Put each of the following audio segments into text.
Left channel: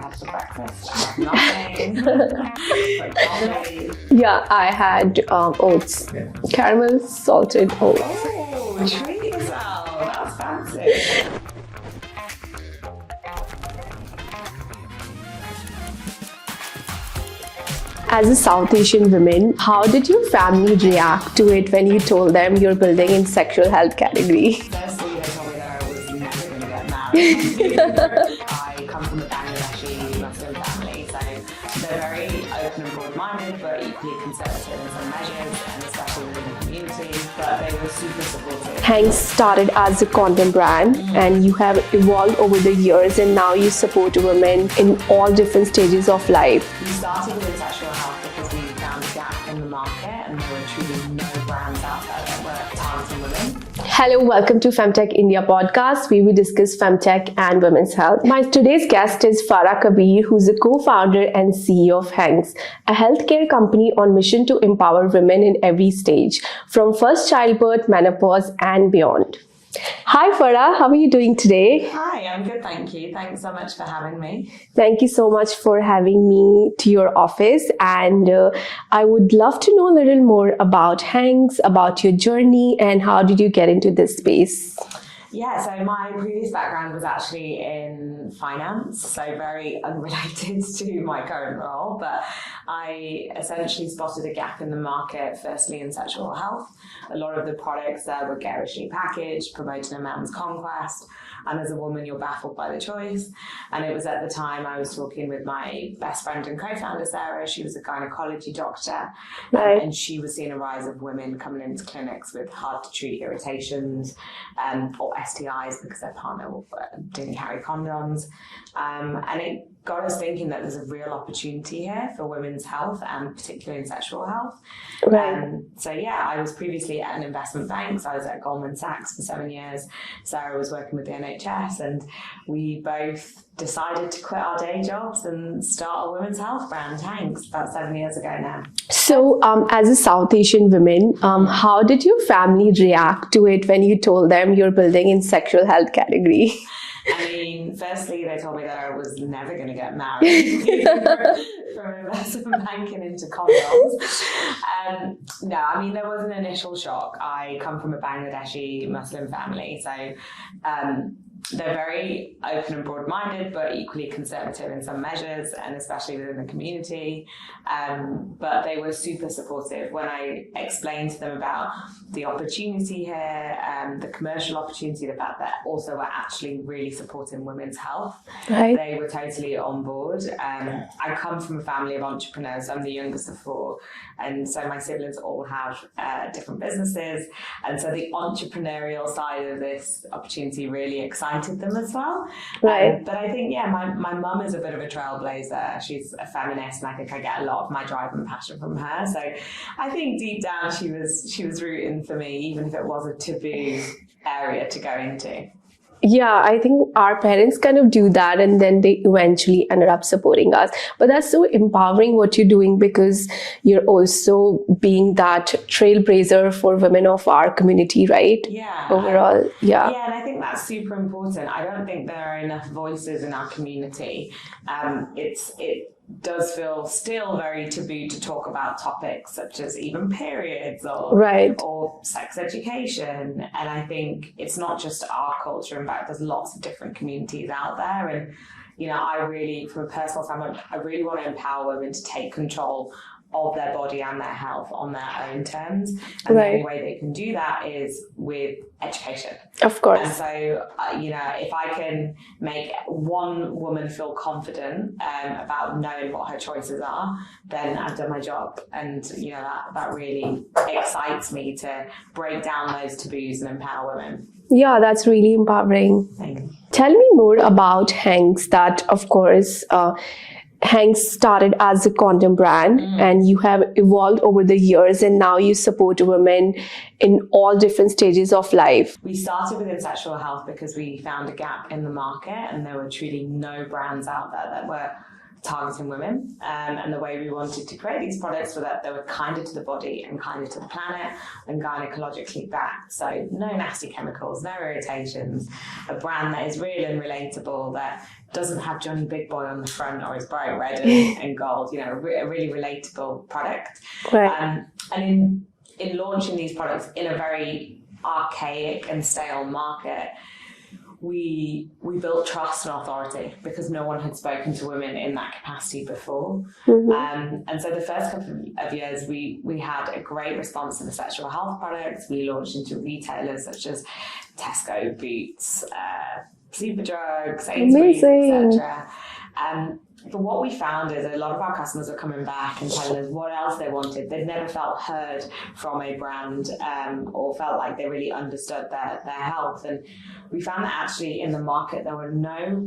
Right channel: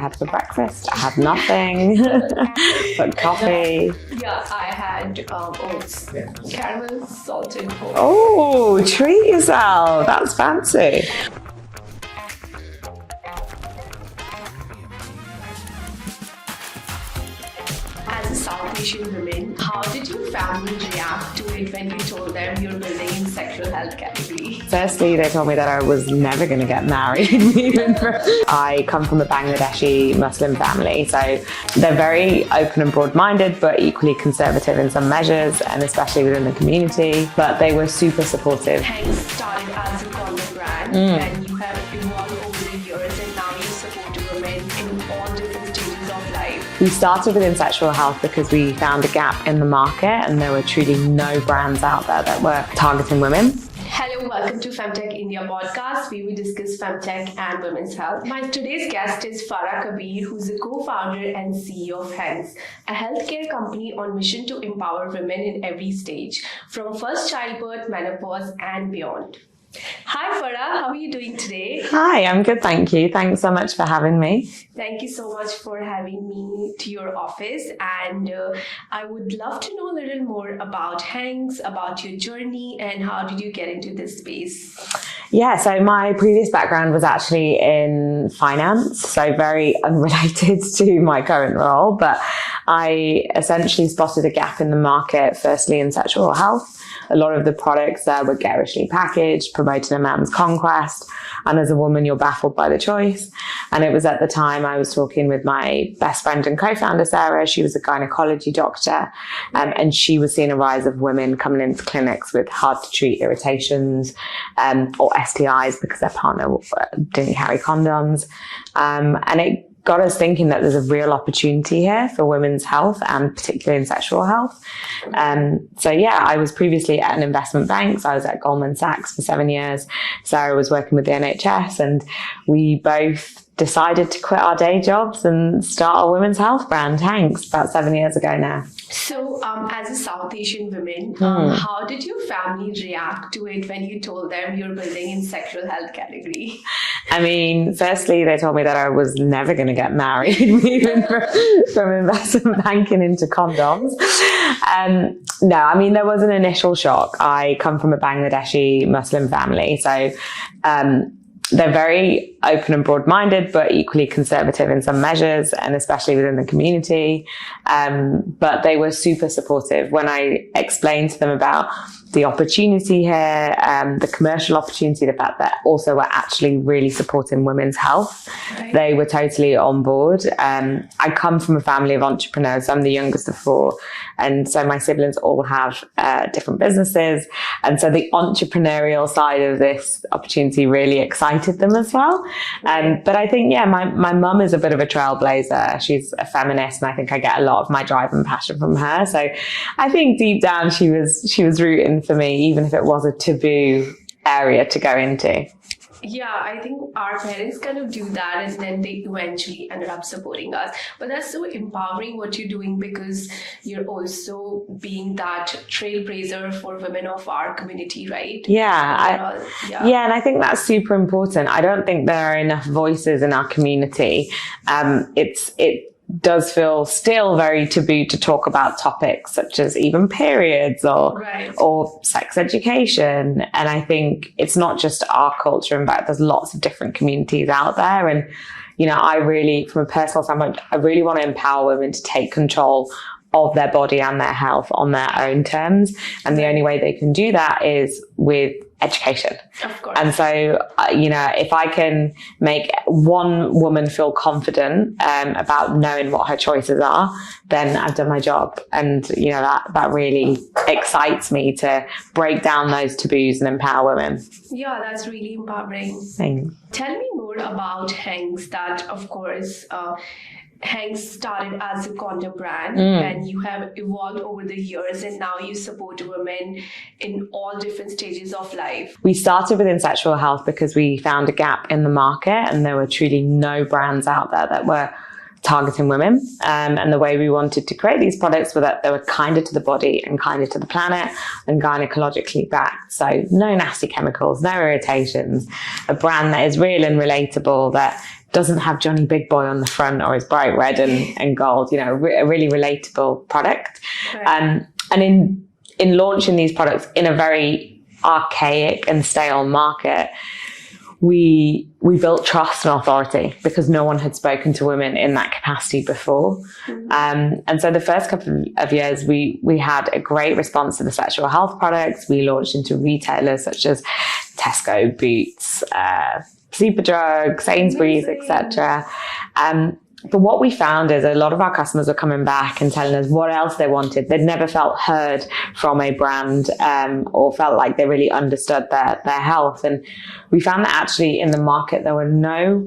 had for breakfast? I had nothing. But coffee. Yeah, I had oats, caramel salted oats. Oh, treat yourself. That's fancy. As a South Asian woman, how did your family react to it when you told them you're building in sexual health category? Firstly, they told me that I was never going to get married. I come from a Bangladeshi Muslim family, so they're very open and broad-minded, but equally conservative in some measures, and especially within the community. But they were super supportive. HANX started as a condom brand, and you have evolved over the years, and now you support women in all different stages of life. We started within sexual health because we found a gap in the market, and there were truly no brands out there that were targeting women. Hello, welcome to Femtech India podcast, where we discuss femtech and women's health. My today's guest is Farah Kabir, who's a co-founder and CEO of HANX, a healthcare company on mission to empower women in every stage, from first childbirth, menopause, and beyond. Hi Farah, how are you doing today? Hi, I'm good, thank you. Thanks so much for having me. Thank you so much for having me to your office, and I would love to know a little more about HANX, about your journey, and how did you get into this space? Yeah, so my previous background was actually in finance, so very unrelated to my current role, but I essentially spotted a gap in the market, firstly in sexual health. A lot of the products there were garishly packaged, promoting a man's conquest. And as a woman, you're baffled by the choice. And it was at the time I was talking with my best friend and co-founder, Sarah. She was a gynecology doctor. And she was seeing a rise of women coming into clinics with hard to treat irritations or STIs because their partner didn't carry condoms. And it got us thinking that there's a real opportunity here for women's health, and particularly in sexual health. So yeah, I was previously at an investment bank. So I was at Goldman Sachs for 7 years. Sarah was working with the NHS, and we both decided to quit our day jobs and start our women's health brand, HANX, about 7 years ago now. So as a South Asian woman, how did your family react to it when you told them you're building in sexual health category? I mean, firstly, they told me that I was never going to get married, from investment banking into condoms. No, I mean, there was an initial shock. I come from a Bangladeshi Muslim family, so they're very open and broad-minded, but equally conservative in some measures, and especially within the community. But they were super supportive when I explained to them about the opportunity here, the commercial opportunity, the fact that also we're actually really supporting women's health. Right. They were totally on board. I come from a family of entrepreneurs. I'm the youngest of four. And so my siblings all have different businesses. And so the entrepreneurial side of this opportunity really excited them as well. Right. But I think, yeah, my mum is a bit of a trailblazer. She's a feminist, and I think I get a lot of my drive and passion from her. So I think deep down she was rooting for me, even if it was a taboo area to go into. Yeah, I think our parents kind of do that, and then they eventually ended up supporting us. But that's so empowering what you're doing, because you're also being that trailblazer for women of our community, right? Yeah. Overall, yeah, and I think that's super important. I don't think there are enough voices in our community. It does feel still very taboo to talk about topics such as even periods or sex education. And I think it's not just our culture. In fact, there's lots of different communities out there. And, you know, I really, from a personal standpoint, I really want to empower women to take control of their body and their health on their own terms. And the only way they can do that is with education. Of course. And so, you know, if I can make one woman feel confident about knowing what her choices are, then I've done my job. And, you know, that really excites me to break down those taboos and empower women. Yeah, that's really empowering. Thanks. Tell me more about HANX. That, of course, HANX started as a condom brand, and you have evolved over the years, and now you support women in all different stages of life. We started within sexual health because we found a gap in the market, and there were truly no brands out there that were targeting women. And the way we wanted to create these products were that they were kinder to the body and kinder to the planet and gynecologically backed. So no nasty chemicals, no irritations, a brand that is real and relatable, that doesn't have Johnny Big Boy on the front or is bright red and gold, a really relatable product. Right. And in launching these products in a very archaic and stale market, we built trust and authority because no one had spoken to women in that capacity before. Mm-hmm. And so the first couple of years, we had a great response to the sexual health products. We launched into retailers such as Tesco, Boots, Superdrug, Sainsbury's, etc. But what we found is a lot of our customers were coming back and telling us what else they wanted. They'd never felt heard from a brand or felt like they really understood their health. And we found that actually in the market, there were no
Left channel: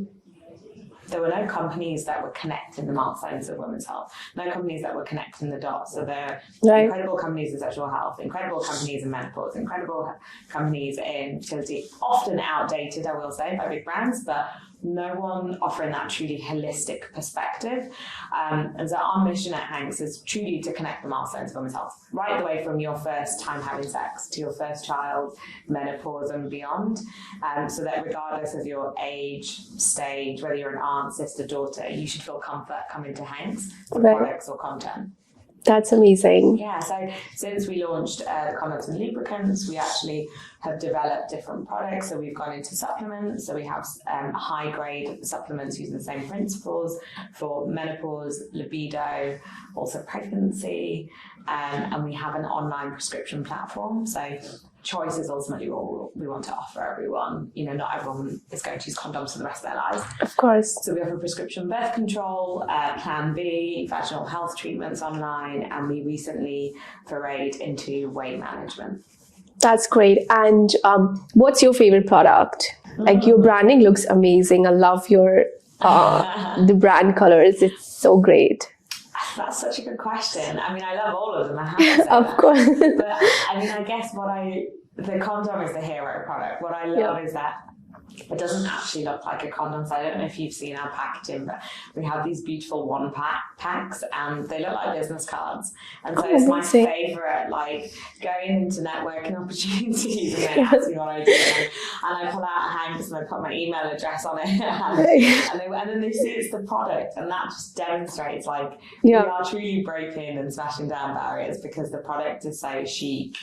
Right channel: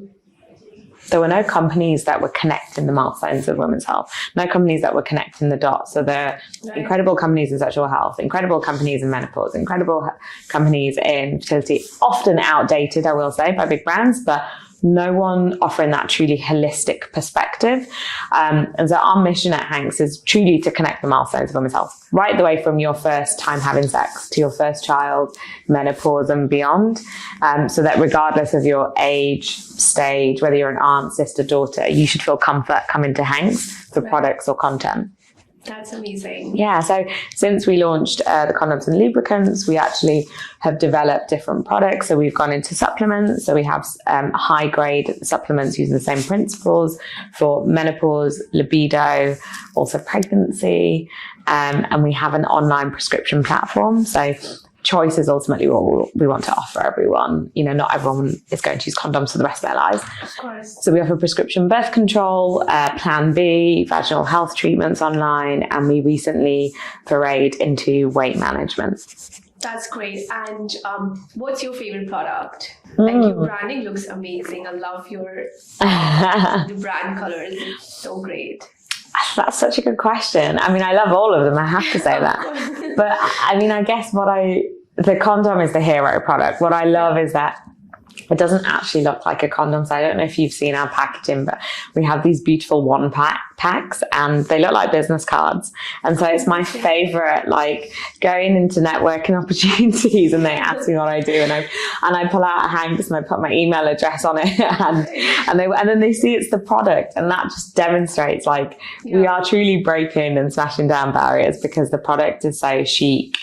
companies that were connecting the milestones of women's health, no companies that were connecting the dots. So there are incredible companies in sexual health, incredible companies in menopause, incredible companies in fertility, often outdated, I will say, by big brands, but no one offering that truly holistic perspective. And so our mission at HANX is truly to connect the milestones of women's health, right the way from your first time having sex to your first child, menopause and beyond. So that regardless of your age, stage, whether you're an aunt, sister, daughter, you should feel comfort coming to HANX for products or content. That's amazing. Yeah, so since we launched the condoms and lubricants, we actually have developed different products. So we've gone into supplements. So we have high-grade supplements using the same principles for menopause, libido, also pregnancy. And we have an online prescription platform. So choice is ultimately what we want to offer everyone. Not everyone is going to use condoms for the rest of their lives. Of course. So we offer prescription birth control, Plan B, vaginal health treatments online, and we recently forayed into weight management. That's great. And what's your favorite product? Like your branding looks amazing. I love your the brand colors. It's so great. That's such a good question. I mean, I love all of them, I have to say that. Course. But I mean, I guess the condom is the hero product. What I love is that it doesn't actually look like a condom. So I don't know if you've seen our packaging, but we have these beautiful packs and they look like business cards. And so it's my favorite, like going into networking opportunities and they ask me what I do and I pull out a HANX and I put my email address on it and then they see it's the product, and that just demonstrates like we are truly breaking and smashing down barriers because the product is so chic,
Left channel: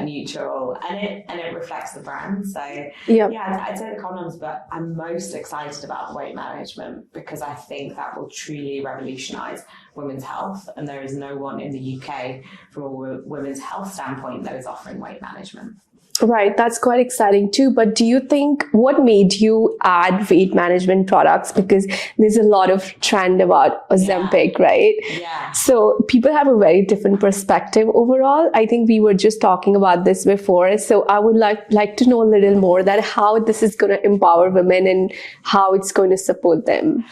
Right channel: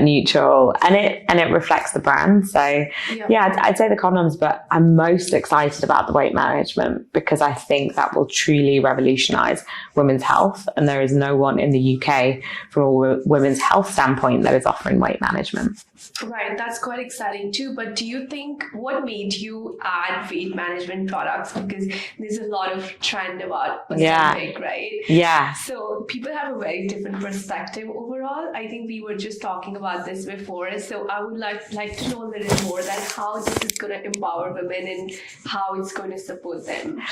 neutral, and it reflects the brand. So I'd say the condoms, but I'm most excited about the weight management because I think that will truly revolutionize women's health, and there is no one in the UK from a women's health standpoint that is offering weight management. Right, that's quite exciting too. But do you think what made you add weight management products? Because there's a lot of trend about Ozempic, right? Yeah. So people have a very different perspective overall. I think we were just talking about this before. So I would like to know a little more that how this is going to empower women and how it's going to support them.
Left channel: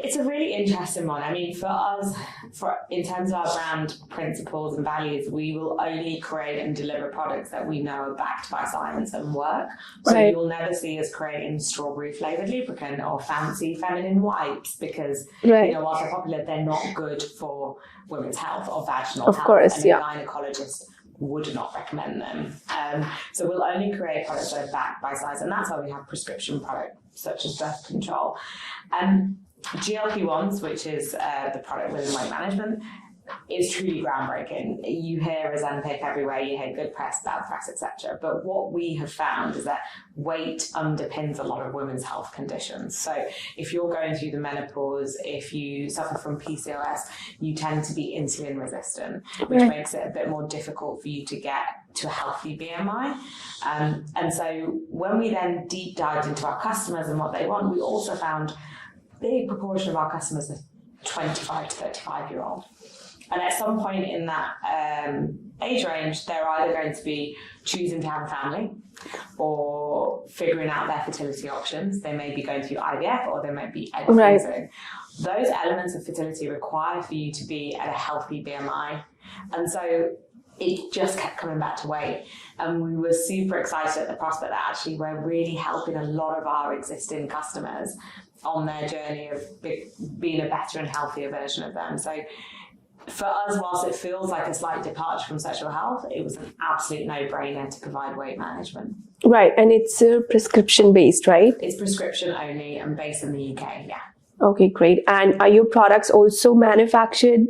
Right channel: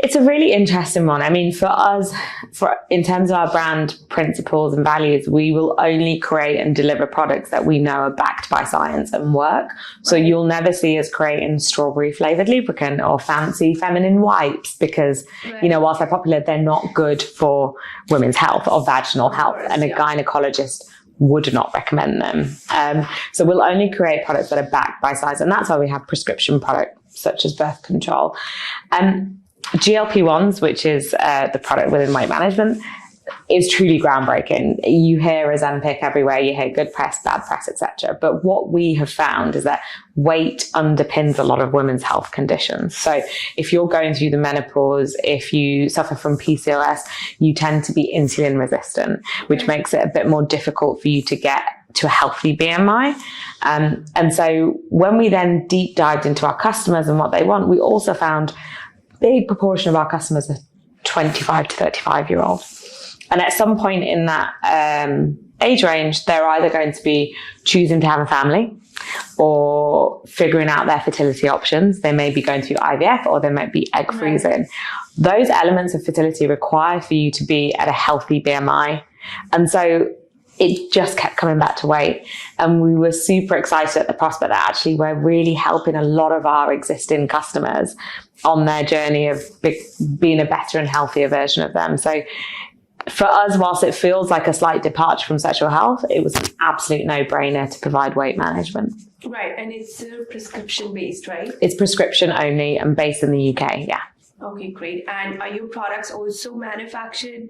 It's a really interesting one. I mean, for us, in terms of our brand principles and values, we will only create and deliver products that we know are backed by science and work. So you'll never see us creating strawberry flavored lubricant or fancy feminine wipes because, whilst they're popular, they're not good for women's health or vaginal health. Course, and a gynecologist would not recommend them. So we'll only create products that are backed by science. And that's why we have prescription products such as birth control. GLP-1s, which is the product within weight management, is truly groundbreaking. You hear Ozempic everywhere, you hear good press, bad press, etc. But what we have found is that weight underpins a lot of women's health conditions. So if you're going through the menopause, if you suffer from PCOS, you tend to be insulin resistant, which makes it a bit more difficult for you to get to a healthy BMI. And so when we then deep dived into our customers and what they want, we also found big proportion of our customers are 25 to 35-year-olds. And at some point in that age range, they're either going to be choosing to have a family or figuring out their fertility options. They may be going through IVF or they might be egg freezing. Those elements of fertility require for you to be at a healthy BMI. And so it just kept coming back to weight. And we were super excited at the prospect that actually we're really helping a lot of our existing customers on their journey of being a better and healthier version of them. So for us, whilst it feels like a slight departure from sexual health, it was an absolute no-brainer to provide weight management. Right, and it's prescription based, right? It's prescription only and based in the UK, yeah. Okay, great. And are your products also manufactured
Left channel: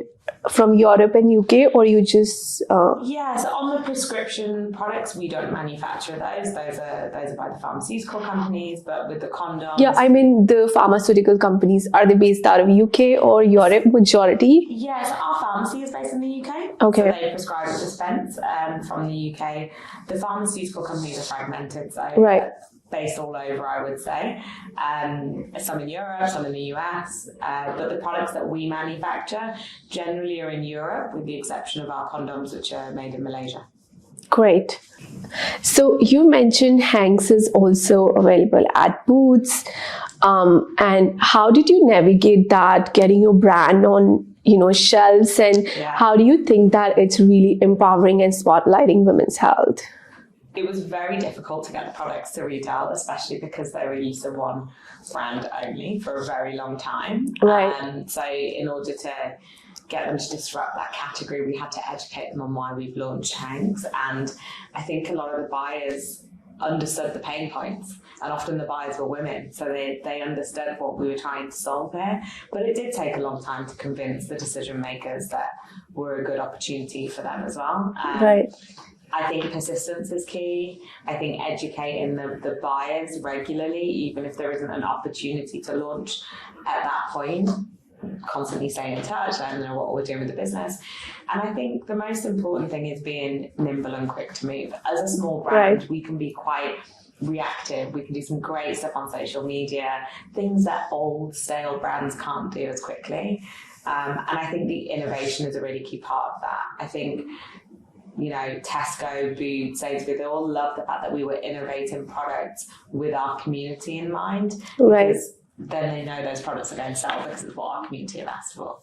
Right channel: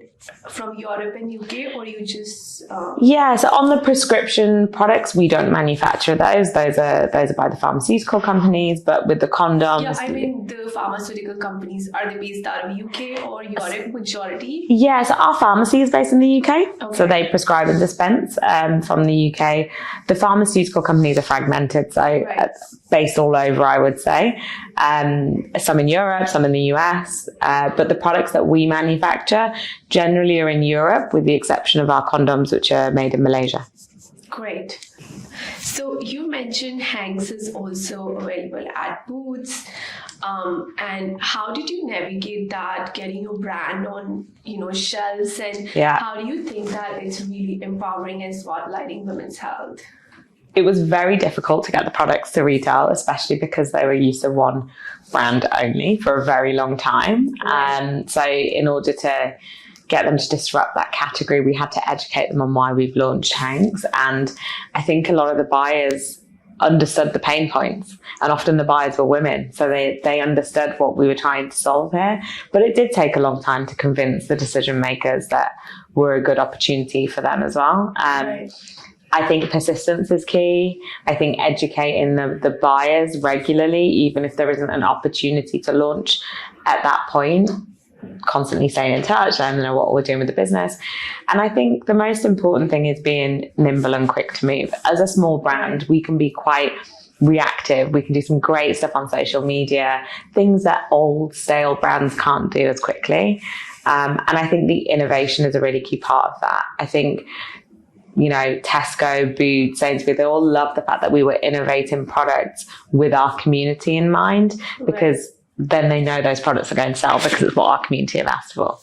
from Europe and UK, or you just... Yeah, so on the prescription products, we don't manufacture those. Those are by the pharmaceutical companies, but with the condoms... Yeah, I mean, the pharmaceutical companies, are they based out of UK or Europe majority? Yeah, so our pharmacy is based in the UK. Okay. So they prescribe and dispense from the UK. The pharmaceutical companies are fragmented, so Right. based all over, I would say. Some in Europe, some in the US. But the products that we manufacture generally are in Europe, with the exception of our condoms, which are made in Malaysia. Great. So you mentioned HANX is also available at Boots. And how did you navigate that, getting your brand on, shelves? And how do you think that it's really empowering and spotlighting women's health? It was very difficult to get the products to retail, especially because they were used to one brand only for a very long time. Right. So in order to get them to disrupt that category, we had to educate them on why we've launched HANX. And I think a lot of the buyers understood the pain points, and often the buyers were women, so they understood what we were trying to solve here. But it did take a long time to convince the decision makers that we're a good opportunity for them as well. Right. I think persistence is key. I think educating the buyers regularly, even if there isn't an opportunity to launch at that point, constantly staying in touch, letting them know what we're doing with the business. And I think the most important thing is being nimble and quick to move. As a small brand, we can be quite reactive. We can do some great stuff on social media, things that old stale brands can't do as quickly. And I think the innovation is a really key part of that. I think Tesco, Boots, Sainsbury's, they all love the fact that we were innovating products with our community in mind, because then they know those products are going to sell because it's what our community have asked for.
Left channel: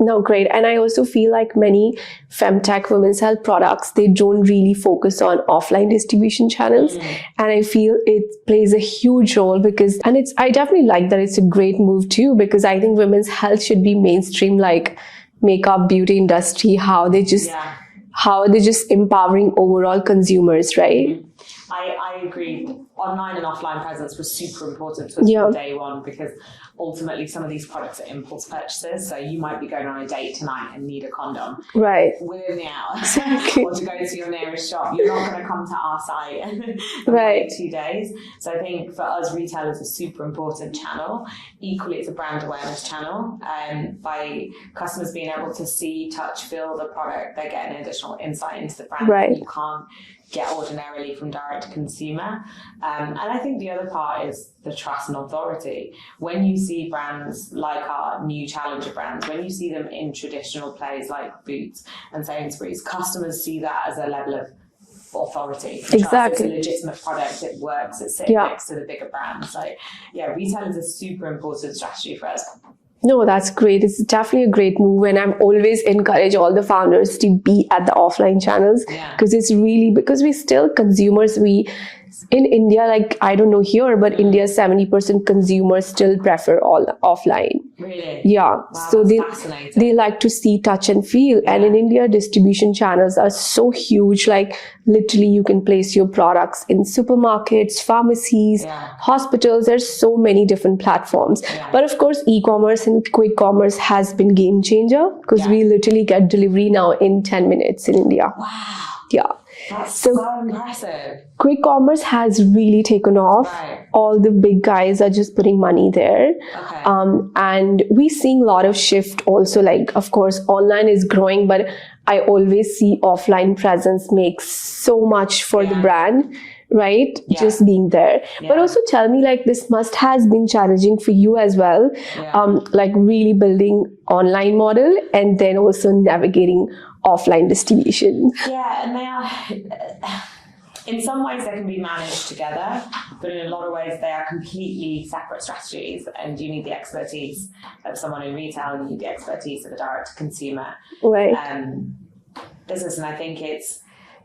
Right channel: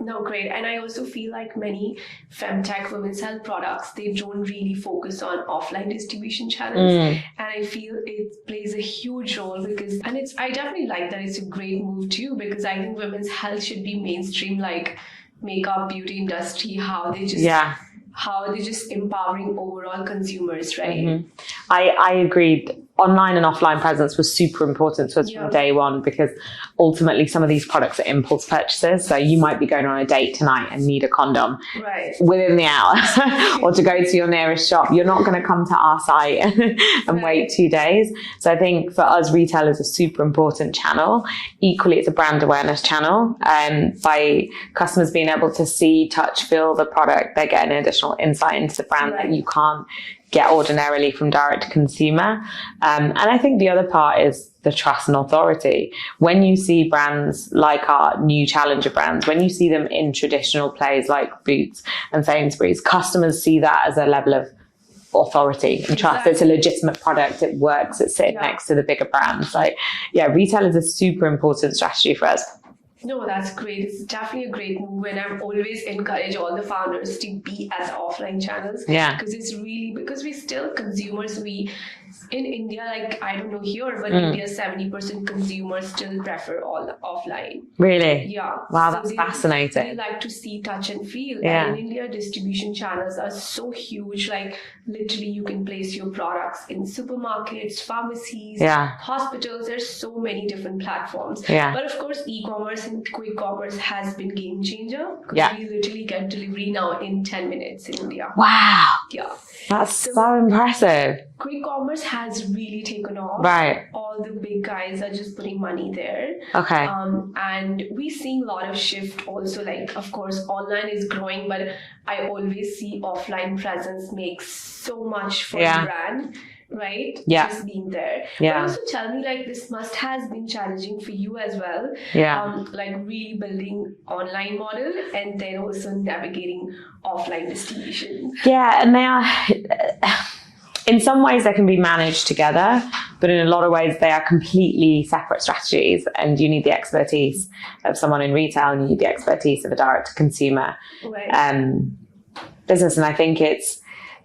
No, great. And I also feel like many femtech women's health products, they don't really focus on offline distribution channels. And I feel it plays a huge role I definitely like that it's a great move too, because I think women's health should be mainstream, like makeup, beauty industry, how they're just empowering overall consumers, right? I agreed. Online and offline presence was super important to us from day one, because ultimately some of these products are impulse purchases. So you might be going on a date tonight and need a condom within the hour, or to go to your nearest shop. You're not going to come to our site and wait 2 days. So I think for us, retail is a super important channel. Equally, it's a brand awareness channel. By customers being able to see, touch, feel the product, they're getting additional insight into the brand that you can't get ordinarily from direct to consumer. And I think the other part is the trust and authority. When you see brands like our new challenger brands, when you see them in traditional plays like Boots and Sainsbury's, customers see that as a level of authority and trust. It's a legitimate product, it works, it's sitting next to the bigger brands. So retail is a super important strategy for us. No, that's great. It's definitely a great move. And I'm always encourage all the founders to be at the offline channels. Because it's really, because we still consumers, in India, like, I don't know here, but India, 70% consumers still prefer all offline. Really? Yeah. Wow, so that's fascinating. They like to see, touch and feel. And in India, distribution channels are so huge. Like literally you can place your products in supermarkets, pharmacies, hospitals. There's so many different platforms. But of course, e-commerce and quick commerce has been game changer, because we literally get delivery now in 10 minutes in India. Wow. Yeah. That's so impressive. Quick commerce has really taken off. All the big guys are just putting money there. And we're seeing a lot of shift also. Like, of course, online is growing, but I always see offline presence makes so much for the brand. Right? Just being there. But also tell me, like, this must has been challenging for you as well. Like really building online model and then also navigating offline distribution. And they are, in some ways they can be managed together, but in a lot of ways they are completely separate strategies, and you need the expertise of someone in retail and you need the expertise of a direct to consumer business. And I think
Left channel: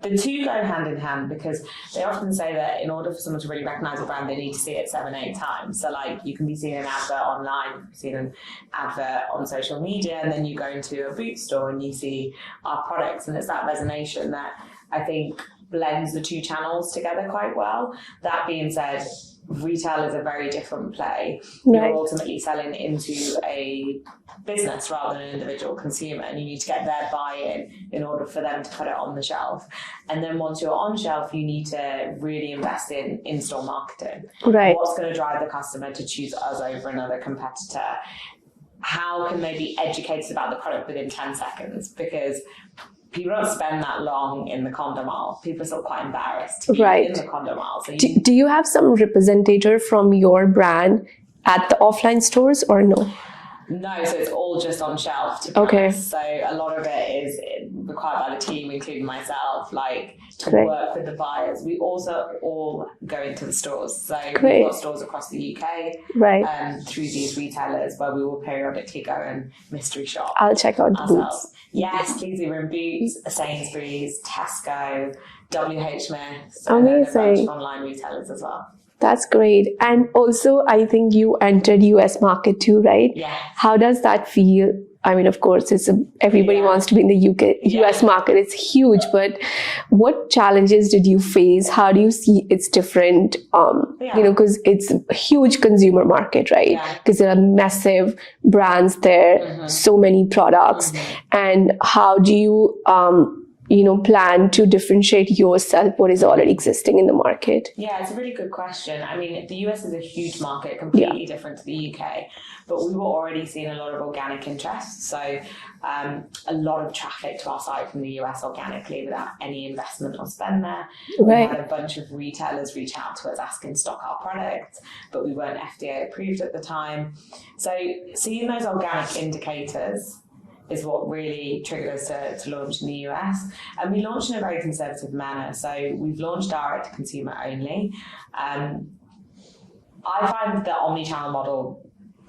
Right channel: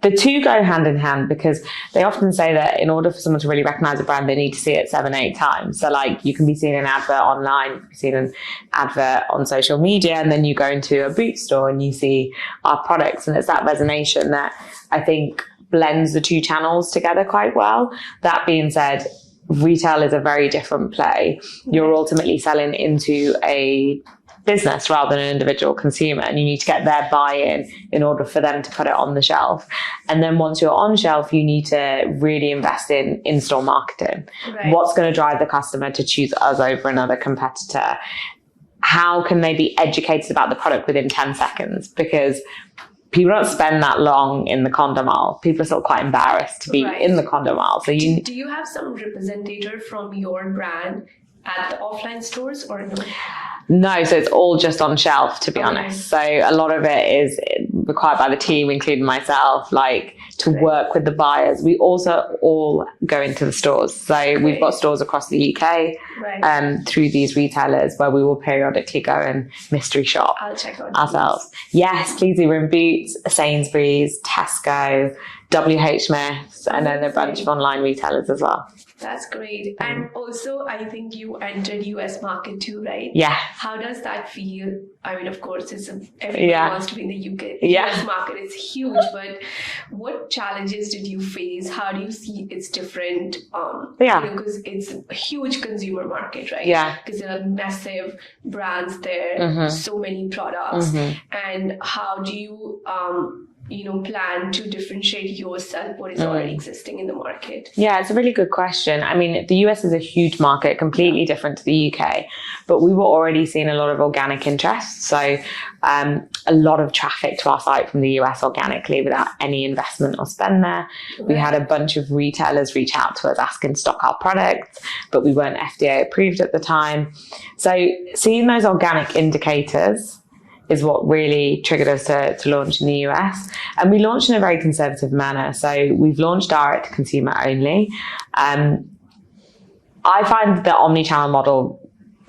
the two go hand in hand, because they often say that in order for someone to really recognize a brand, they need to see it 7-8 times. So like you can be seeing an advert online, you can be seeing an advert on social media, and then you go into a boot store and you see our products, and it's that resonation that I think blends the two channels together quite well. That being said, retail is a very different play. You're ultimately selling into a business rather than an individual consumer, and you need to get their buy-in in order for them to put it on the shelf. And then once you're on shelf, you need to really invest in in-store marketing. What's going to drive the customer to choose us over another competitor? How can they be educated about the product within 10 seconds? Because people don't spend that long in the condom aisle. People are still quite embarrassed to be in the condom aisle. So do you have some representative from your brand at the offline stores or no? No, so it's all just on shelf, to be honest. So a lot of it is required by the team, including myself, like to work with the buyers. We also all go into the stores. So we've got stores across the UK through these retailers where we will periodically go and mystery shop. I'll check out ourselves. Boots. Yes, please. We're in Boots, Sainsbury's, Tesco, WH Smith's, and then a bunch of online retailers as well. That's great. And also, I think you entered US market too, right? Yeah. How does that feel? I mean, of course, everybody wants to be in the US market. It's huge, but what challenges did you face? How do you see it's different? Because it's a huge consumer market, right? Yeah. Because there are massive brands there, so many products. And how do you plan to differentiate yourself what is already existing in the market? Yeah, it's a really good question. I mean, the US is a huge market, completely different to the UK, but we were already seeing a lot of organic interest. So a lot of traffic to our site from the US organically without any investment or spend there. We had a bunch of retailers reach out to us asking to stock our products, but we weren't FDA approved at the time. So seeing those organic indicators is what really triggered us to launch in the US. And we launched in a very conservative manner. So we've launched direct to consumer only. I find the omni-channel model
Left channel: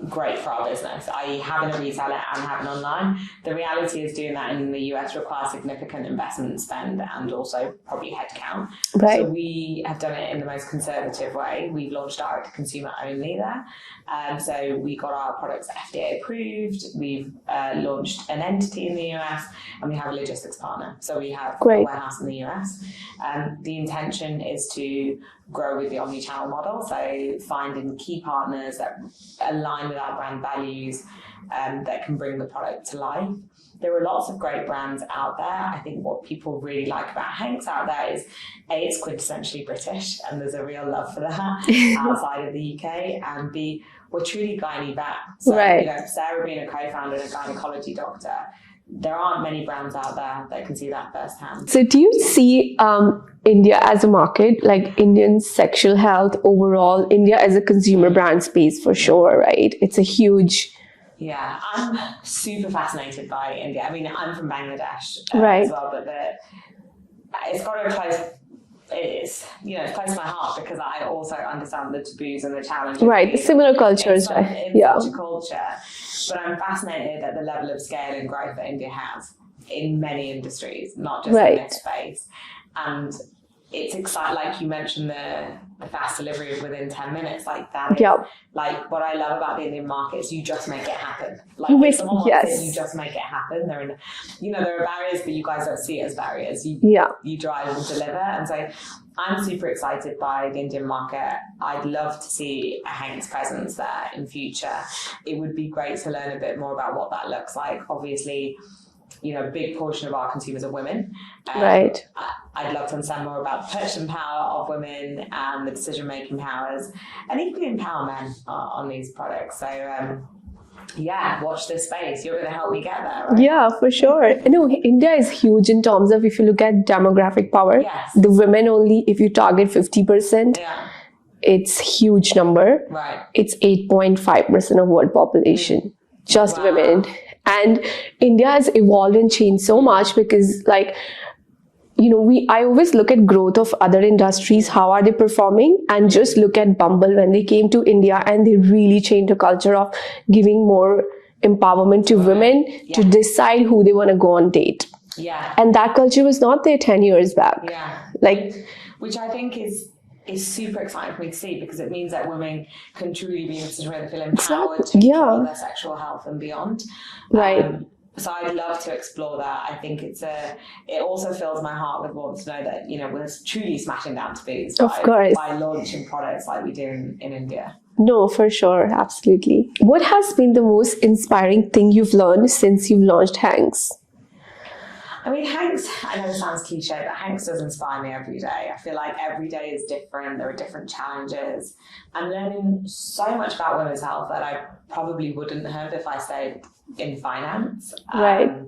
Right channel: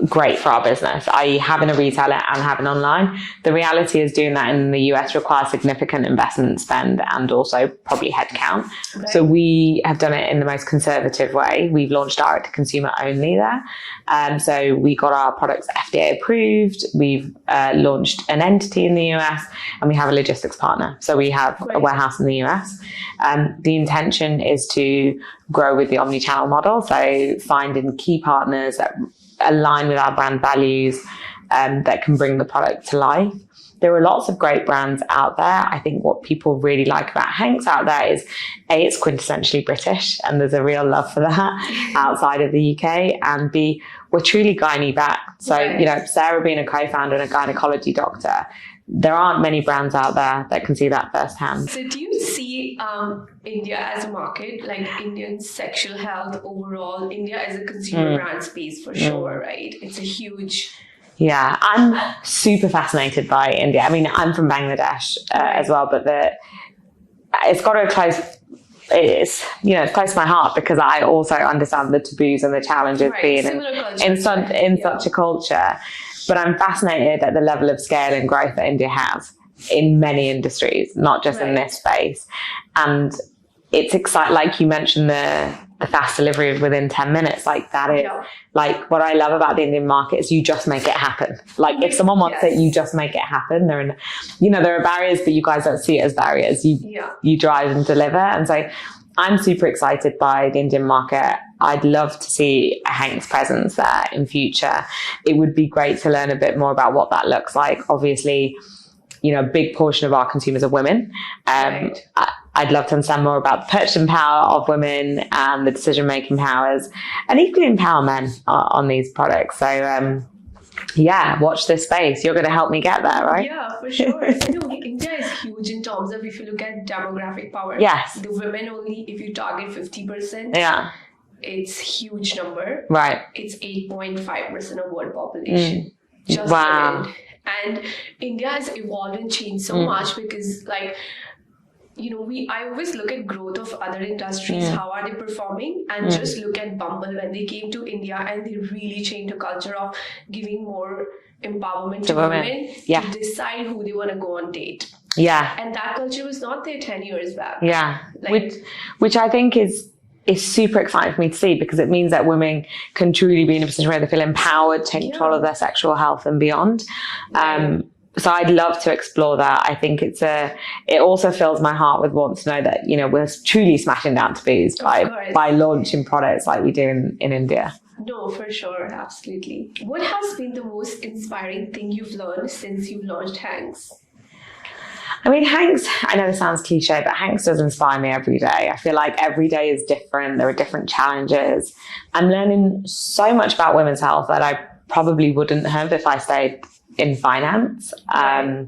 great for our business, i.e. having a retailer and having online. The reality is doing that in the US requires significant investment spend and also probably headcount. So we have done it in the most conservative way. We've launched direct to consumer only there. So we got our products FDA approved. We've launched an entity in the US and we have a logistics partner. So we have a warehouse in the US. The intention is to grow with the omni-channel model. So finding key partners that align with our brand values that can bring the product to life. There are lots of great brands out there. I think what people really like about HANX out there is A, it's quintessentially British and there's a real love for that outside of the UK, and B, we're truly gynae backed. So, Sarah being a co-founder and a gynecology doctor, there aren't many brands out there that can see that firsthand. So do you see India as a market, like Indian sexual health overall, India as a consumer brand space for sure, right? It's a huge... Yeah, I'm super fascinated by India. I mean, I'm from Bangladesh as well, but it's got a close... It's close to my heart because I also understand the taboos and the challenges being similar cultures in such a culture. But I'm fascinated at the level of scale and growth that India has in many industries, not just in this space. And it's exciting, like you mentioned, the fast delivery within 10 minutes, like that is like what I love about the Indian market is you just make it happen. Like if someone wants it, you just make it happen. There are barriers, but you guys don't see it as barriers. You drive and deliver. And so I'm super excited by the Indian market. I'd love to see a HANX presence there in future. It would be great to learn a bit more about what that looks like. Obviously, a big portion of our consumers are women. I'd love to understand more about the purchasing power of women and the decision-making powers, and equally empower men on these products. So, watch this space. You're going to help me get there, right? Yeah, for sure. India is huge in terms of, if you look at demographic power. Yes. The women only, if you target 50%. Yeah. It's huge number. Right. It's 8.5% of world population. Just women. And India has evolved and changed so much because, I always look at growth of other industries, how are they performing, and just look at Bumble when they came to India and they really changed the culture of giving more empowerment to women to decide who they want to go on date. Yeah. And that culture was not there 10 years back. Yeah. Like, which I think is super exciting for me to see, because it means that women can truly be in a position where they feel empowered to take control of their sexual health and beyond. Right. So I'd love to explore that. I think it also fills my heart with want to know that, you know, we're truly smashing down taboos by launching products like we do in India. No, for sure. Absolutely. What has been the most inspiring thing you've learned since you've launched HANX? I mean, HANX, I know this sounds cliche, but HANX does inspire me every day. I feel like every day is different. There are different challenges. I'm learning so much about women's health that I probably wouldn't have if I stayed in finance. Right.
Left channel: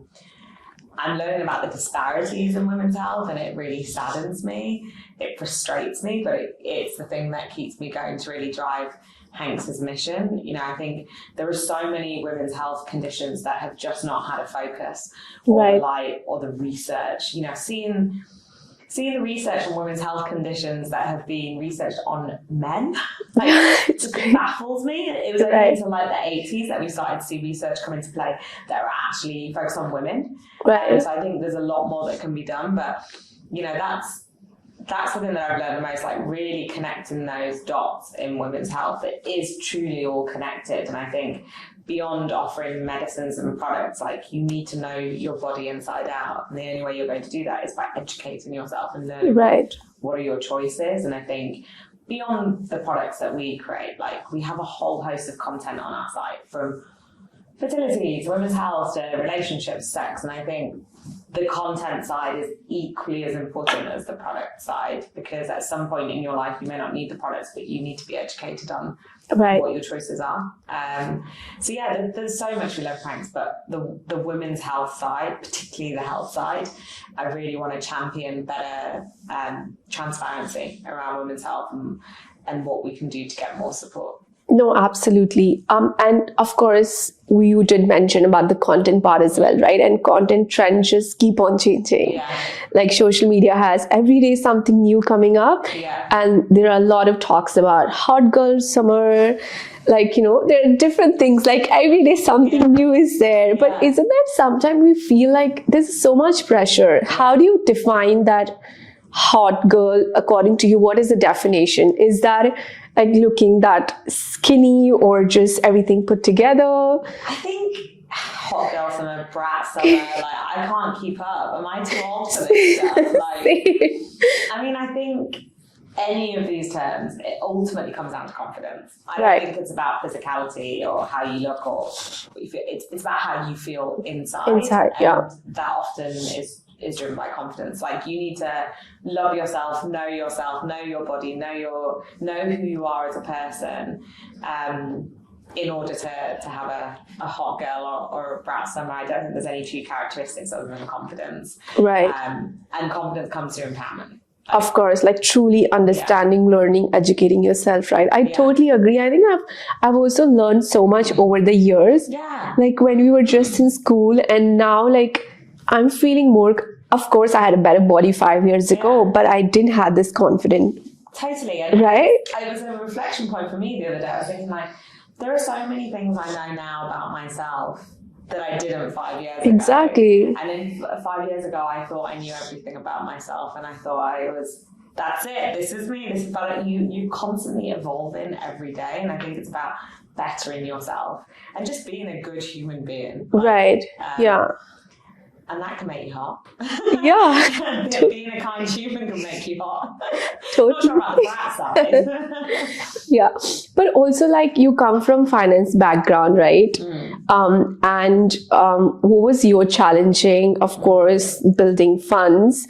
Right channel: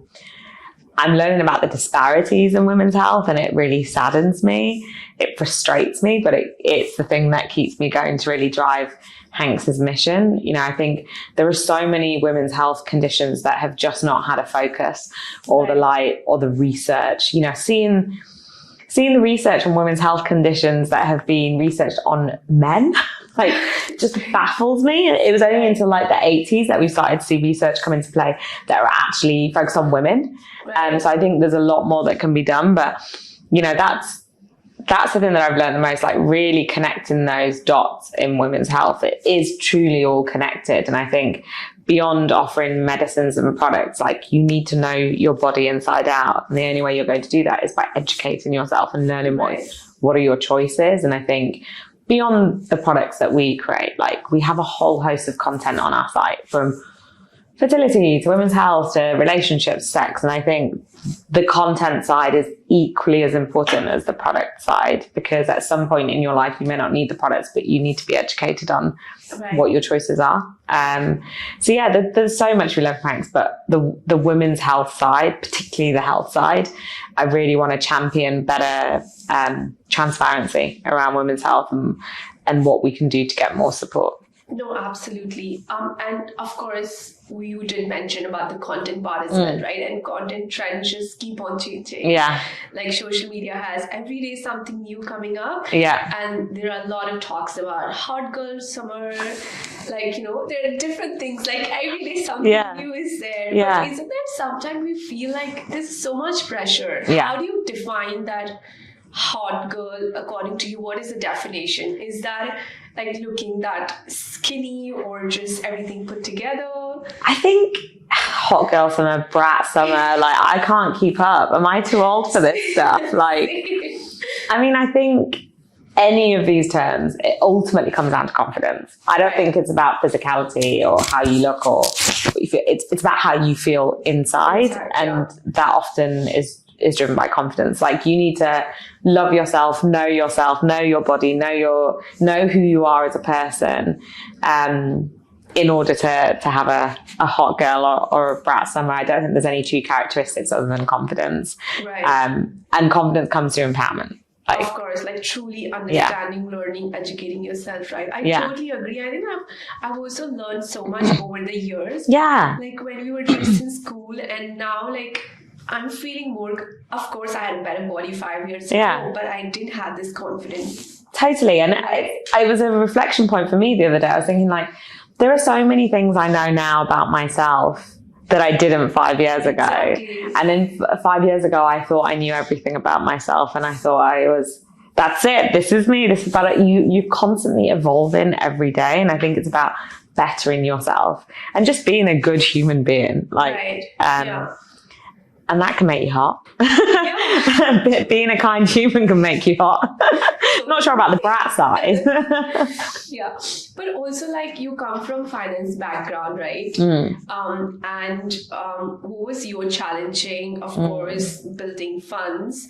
I'm learning about the disparities in women's health, and it really saddens me. It frustrates me, but it's the thing that keeps me going to really drive HANX's mission. You know, I think there are so many women's health conditions that have just not had a focus or the light or the research. You know, seeing the research on women's health conditions that have been researched on men, like, it just baffles me. It was only until like the 80s that we started to see research come into play that are actually focused on women. Right. So I think there's a lot more that can be done, but you know, that's the thing that I've learned the most, like really connecting those dots in women's health. It is truly all connected. And I think beyond offering medicines and products, like, you need to know your body inside out. And the only way you're going to do that is by educating yourself and learning what are your choices. And I think beyond the products that we create, like, we have a whole host of content on our site, from fertility to women's health to relationships, sex. And I think the content side is equally as important as the product side, because at some point in your life you may not need the products, but you need to be educated on what your choices are. So yeah, there's so much we love HANX, but the women's health side, particularly the health side, I really want to champion better transparency around women's health and what we can do to get more support. No, absolutely. And of course, you did mention about the content part as well, right? And content trends just keep on changing. Yeah. Like, social media has every day something new coming up. Yeah. And there are a lot of talks about hot girl summer. Like, you know, there are different things. Like, every day something new is there. Yeah. But isn't that sometimes we feel like there's so much pressure? Yeah. How do you define that hot girl according to you? What is the definition? Is that like looking that skinny or just everything put together? I think hot girl summer, brat summer, like, I can't keep up. Am I too old for this stuff? Like, I mean, I think any of these terms, it ultimately comes down to confidence. I don't think it's about physicality or how you look or what you feel. It's about how you feel inside. And that often is driven by confidence. Like, you need to love yourself, know your body, know who you are as a person, in order to have a hot girl or a brat summer. I don't think there's any true characteristics other than confidence. Right. And confidence comes through empowerment. Like, of course, like truly understanding, learning, educating yourself, right? I totally agree. I think I've also learned so much over the years. Yeah. Like, when we were just in school, and now, like, I'm feeling more, of course, I had a better body 5 years ago, but I didn't have this confidence. Totally. And it was a reflection point for me the other day. I was thinking, like, there are so many things I know now about myself that I didn't 5 years ago. Exactly. And then 5 years ago, I thought I knew everything about myself, and I thought that's it. This is me. This is about it. You're constantly evolving every day. And I think it's about bettering yourself and just being a good human being. Like, and that can make you hot. Yeah. Being a kind human can make you hot. Totally. Not sure about the brat side. Yeah. But also, like, you come from finance background, right? And what was your challenging, of course, building funds?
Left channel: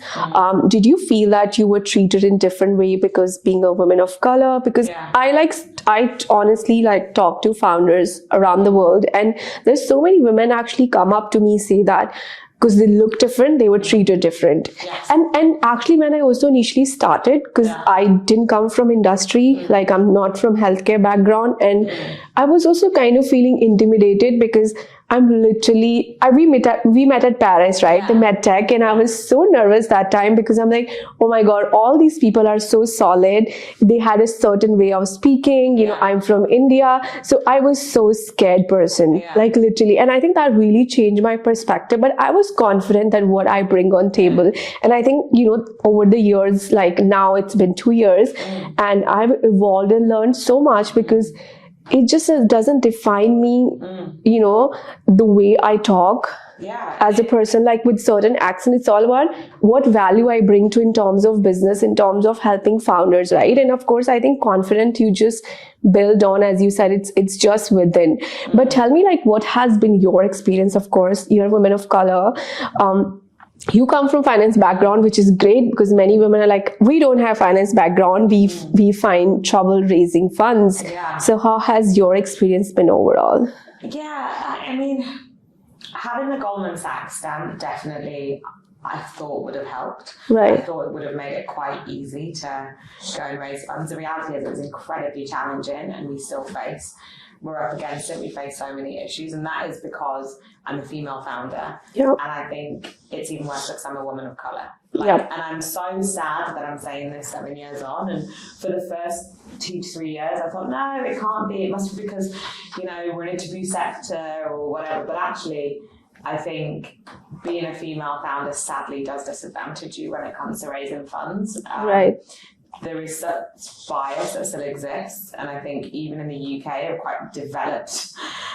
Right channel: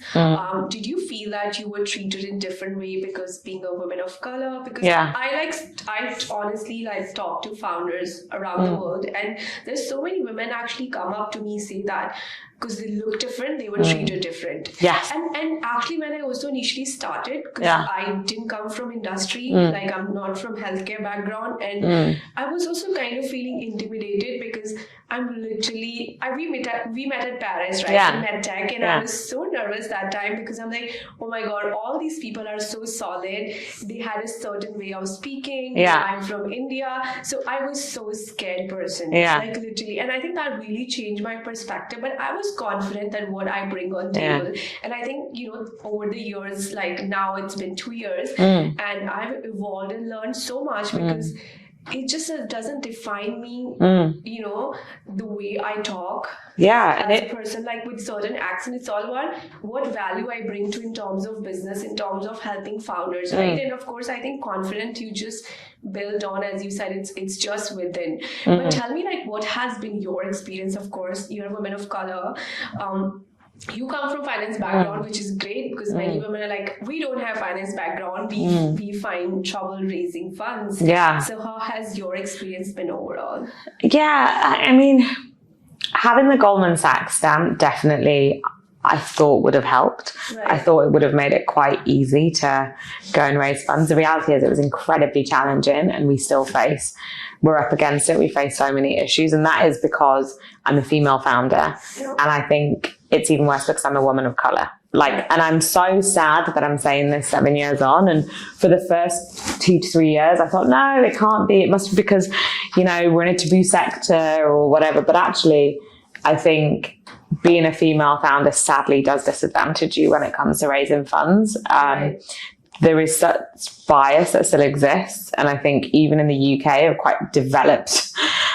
Did you feel that you were treated in different way because being a woman of color? Because I honestly talk to founders around the world, and there's so many women actually come up to me, say that because they look different, they were treated different. Yes. And actually, when I also initially started, because I didn't come from industry, like, I'm not from healthcare background, and I was also kind of feeling intimidated because we met at Paris, right? The MedTech, and I was so nervous that time because I'm like, oh my God, all these people are so solid. They had a certain way of speaking. You know, I'm from India. So I was so scared person, like literally. And I think that really changed my perspective. But I was confident that what I bring on table. And I think, you know, over the years, like now it's been 2 years and I've evolved and learned so much because it just doesn't define me, you know, the way I talk as a person, like with certain accent. It's all about what value I bring to in terms of business, in terms of helping founders, right? And of course, I think confident you just build on, as you said, it's just within. But tell me, like, what has been your experience? Of course, you're a woman of color. You come from finance background, which is great because many women are like, we don't have finance background. We find trouble raising funds. So how has your experience been overall? I mean, having the Goldman Sachs stamp definitely, I thought would have helped. I thought it would have made it quite easy to go and raise funds. The reality is it was incredibly challenging and we're up against it. We face so many issues, and that is because I'm a female founder. And I think it's even worse because I'm a woman of color. And I'm so sad that I'm saying this 7 years on. And for the first 2 to 3 years, I thought, no, it can't be. It must be because, you know, we're in a taboo sector or whatever. But actually, I think being a female founder sadly does disadvantage you when it comes to raising funds. There is such bias that still exists. And I think even in the UK, a quite developed,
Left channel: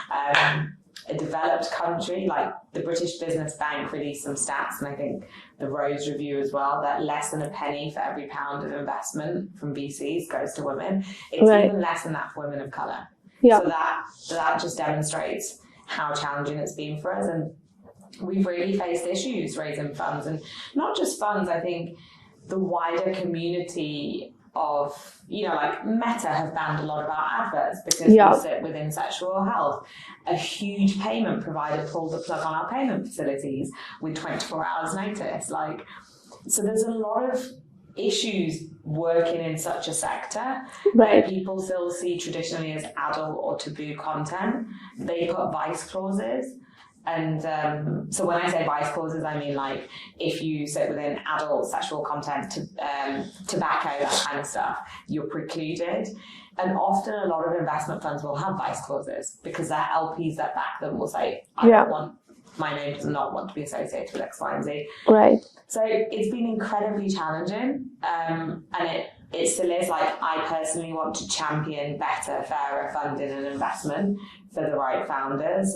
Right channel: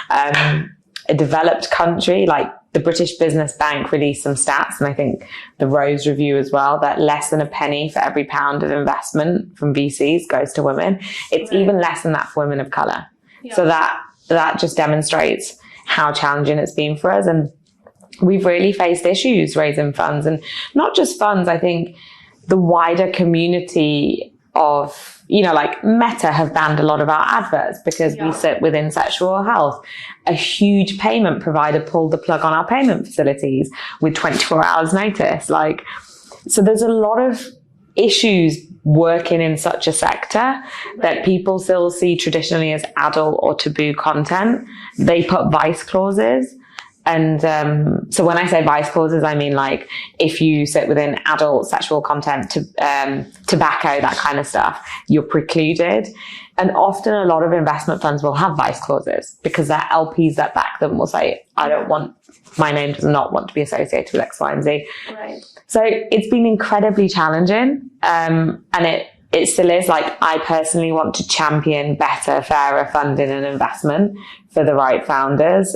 a developed country, like the British Business Bank released some stats, and I think the Rose Review as well, that less than a penny for every pound of investment from VCs goes to women. It's even less than that for women of color. So that just demonstrates how challenging it's been for us. And we've really faced issues raising funds, and not just funds. I think the wider community of, you know, like Meta have banned a lot of our adverts because we sit within sexual health. A huge payment provider pulled the plug on our payment facilities with 24 hours notice. Like, so there's a lot of issues working in such a sector that people still see traditionally as adult or taboo content. They put vice clauses. And so when I say vice clauses, I mean like if you sit within adult sexual content, tobacco, that kind of stuff, you're precluded. And often a lot of investment funds will have vice clauses because their LPs that back them will say, my name does not want to be associated with X, Y, and Z. So it's been incredibly challenging. And it still is. Like, I personally want to champion better, fairer funding and investment for the right founders.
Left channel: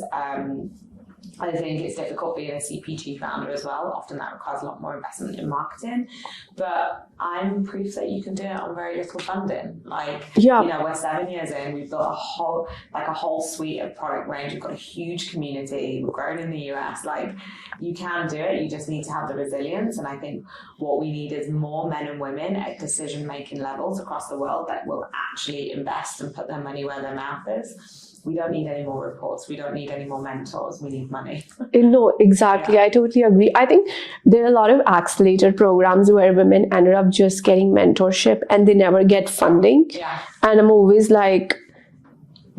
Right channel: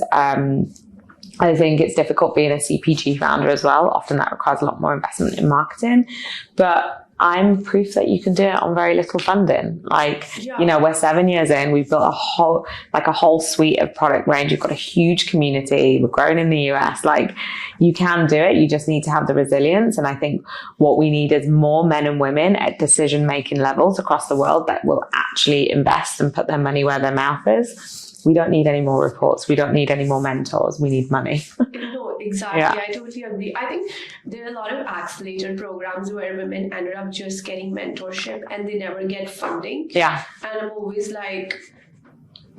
I think it's difficult being a CPG founder as well. Often that requires a lot more investment in marketing, but I'm proof that you can do it on very little funding. Like, you know, we're 7 years in, we've built a whole suite of product range. We've got a huge community. We're growing in the US. Like, you can do it. You just need to have the resilience. And I think what we need is more men and women at decision-making levels across the world that will actually invest and put their money where their mouth is. We don't need any more reports. We don't need any more mentors. We need money. No, exactly. I totally agree. I think there are a lot of accelerator programs where women ended up just getting mentorship and they never get funding. And I'm always like,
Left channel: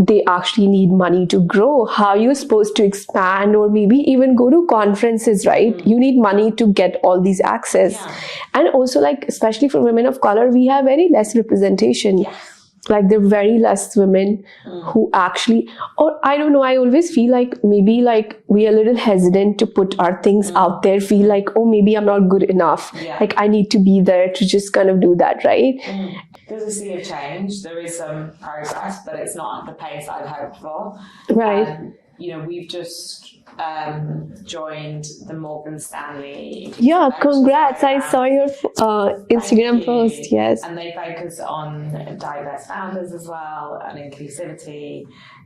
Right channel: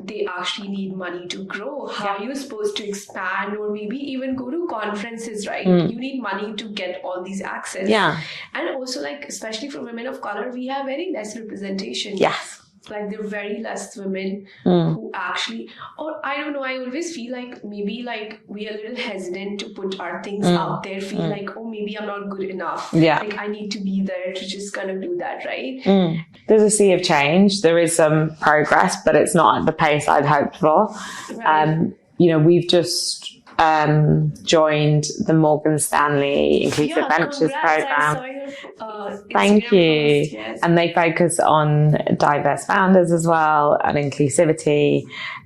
they actually need money to grow. How are you supposed to expand or maybe even go to conferences, right? You need money to get all these access. And also, like, especially for women of color, we have very less representation. Like, there are very less women who actually, or I don't know, I always feel like maybe like we are a little hesitant to put our things out there, feel like, oh, maybe I'm not good enough. Like, I need to be there to just kind of do that, right? There's a sea of change. There is some progress, but it's not at the pace I'd hoped for. You know, we've just joined the Morgan Stanley Inclusive Ventures congrats. program. I saw your Instagram post. And they focus on diverse founders as well and inclusivity.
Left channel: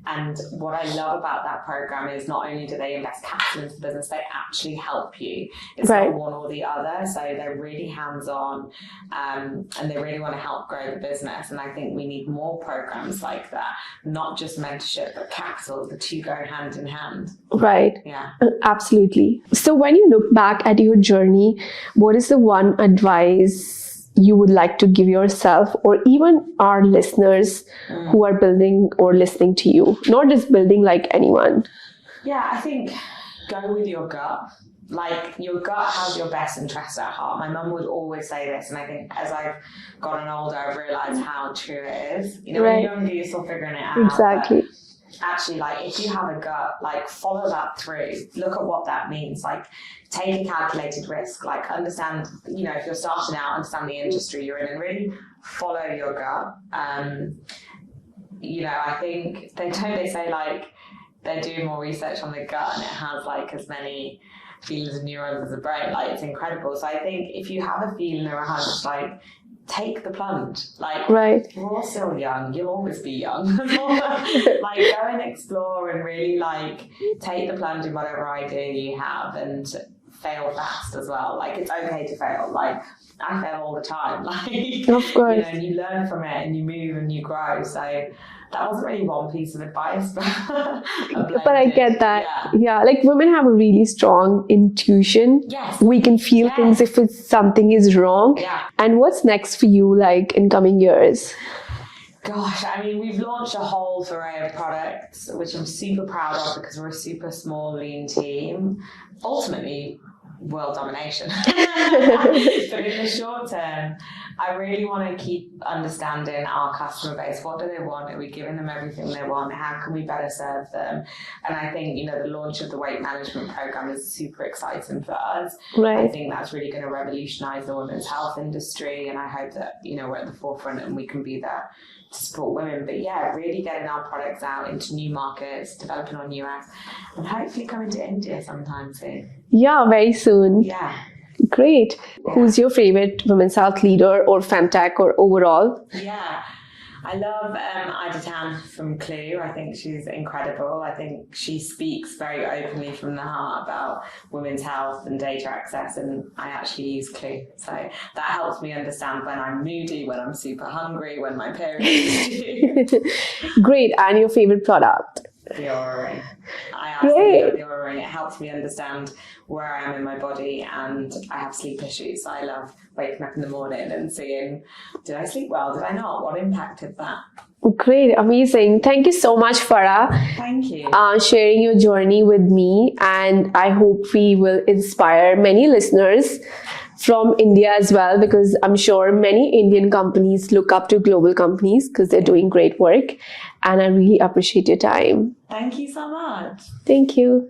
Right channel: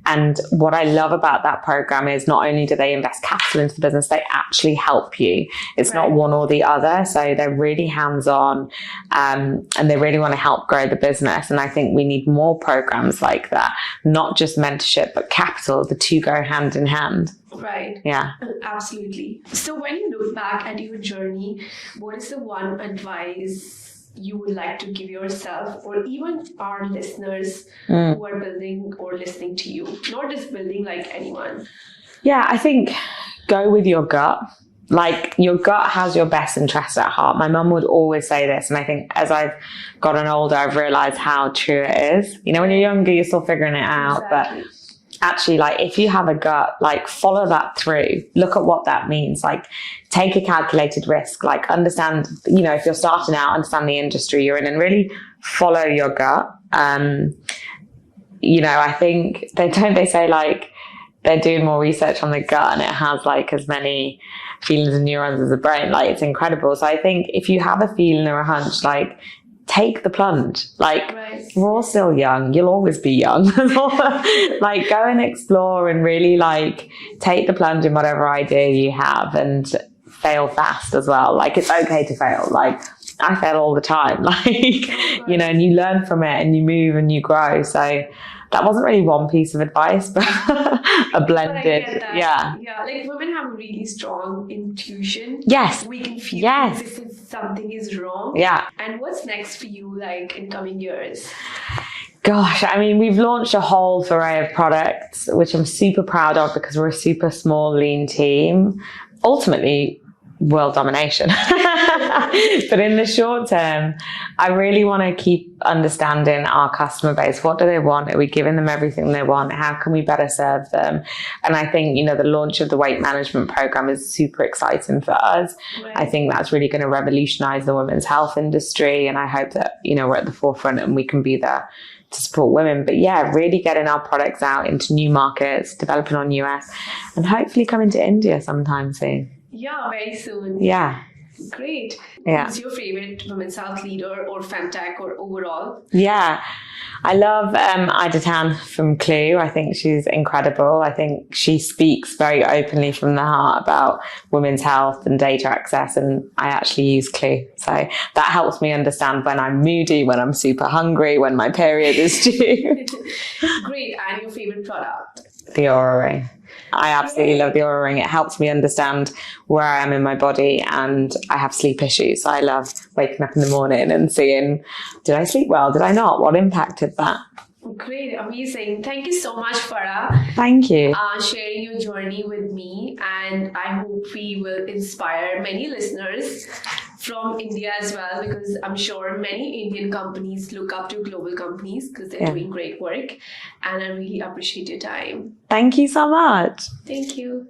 And what I love about that program is not only do they invest capital into the business, they actually help you. It's not one or the other. So they're really hands-on and they really want to help grow the business. And I think we need more programs like that, not just mentorship, but capital. The two go hand in hand. Absolutely. So when you look back at your journey, what is the one advice you would like to give yourself or even our listeners who are building or listening to you? Not just building, like anyone. Yeah, I think go with your gut. Like, your gut has your best interests at heart. My mum would always say this, and I think as I've gotten older, I've realized how true it is. You know, when you're younger, you're still figuring it out. Exactly. But actually, like, if you have a gut, like, follow that through. Look at what that means. Like, take a calculated risk. Like, understand, you know, if you're starting out, understand the industry you're in, and really follow your gut. You know, I think they say, like, they're doing more research on the gut, and it has like as many feelings and neurons as the brain. Like, it's incredible. So I think if you have a feeling or a hunch, like, take the plunge. Like, we're all still young. You'll always be young. Like, go and explore and really, like, take the plunge in whatever idea you have, and fail fast as well. Like, it's okay to fail. Like, I fail all the time. Like, you know, and you learn from it and you move and you grow. So that wasn't really one piece of advice, but a blended. But I get that. Yeah. Like, women have a really strong intuition. Yes. We can feel things if something is wrong. Yeah. And what's next for you, like, in coming years? Gosh, I mean, we've launched a whole array of products, which I'm super proud of because we're a super small, lean team. Ultimately, world domination. But in the short term, I really want to keep understanding our customer base. What do they want? Are we giving them everything they want? How can we better serve them? And I think, you know, the launch of the weight management program is super exciting for us. I think that's really going to revolutionize the women's health industry. And I hope that, you know, we're at the forefront and we can be there to support women. But yeah, really getting our products out into new markets, developing on US, and hopefully coming to India sometime soon. Yeah, very soon. Yeah. Great. Yeah. Who's your favorite women's health leader or femtech or overall? Yeah. I love Ida Tan from Clue. I think she's incredible. I think she speaks very openly from the heart about women's health and data access, and I actually use Clue. So that helps me understand when I'm moody, when I'm super hungry, when my period is due. Great. And your favorite product? The Aura Ring. I absolutely love the Aura Ring. It helps me understand where I am in my body, and I have sleep issues. So I love waking up in the morning and seeing, did I sleep well? Did I not? What impacted that? Great. Amazing. Thank you so much, Farah. Thank you. Sharing your journey with me. And I hope we will inspire many listeners from India as well, because I'm sure many Indian companies look up to global companies because they're doing great work. And I really appreciate your time. Thank you so much. Thank you.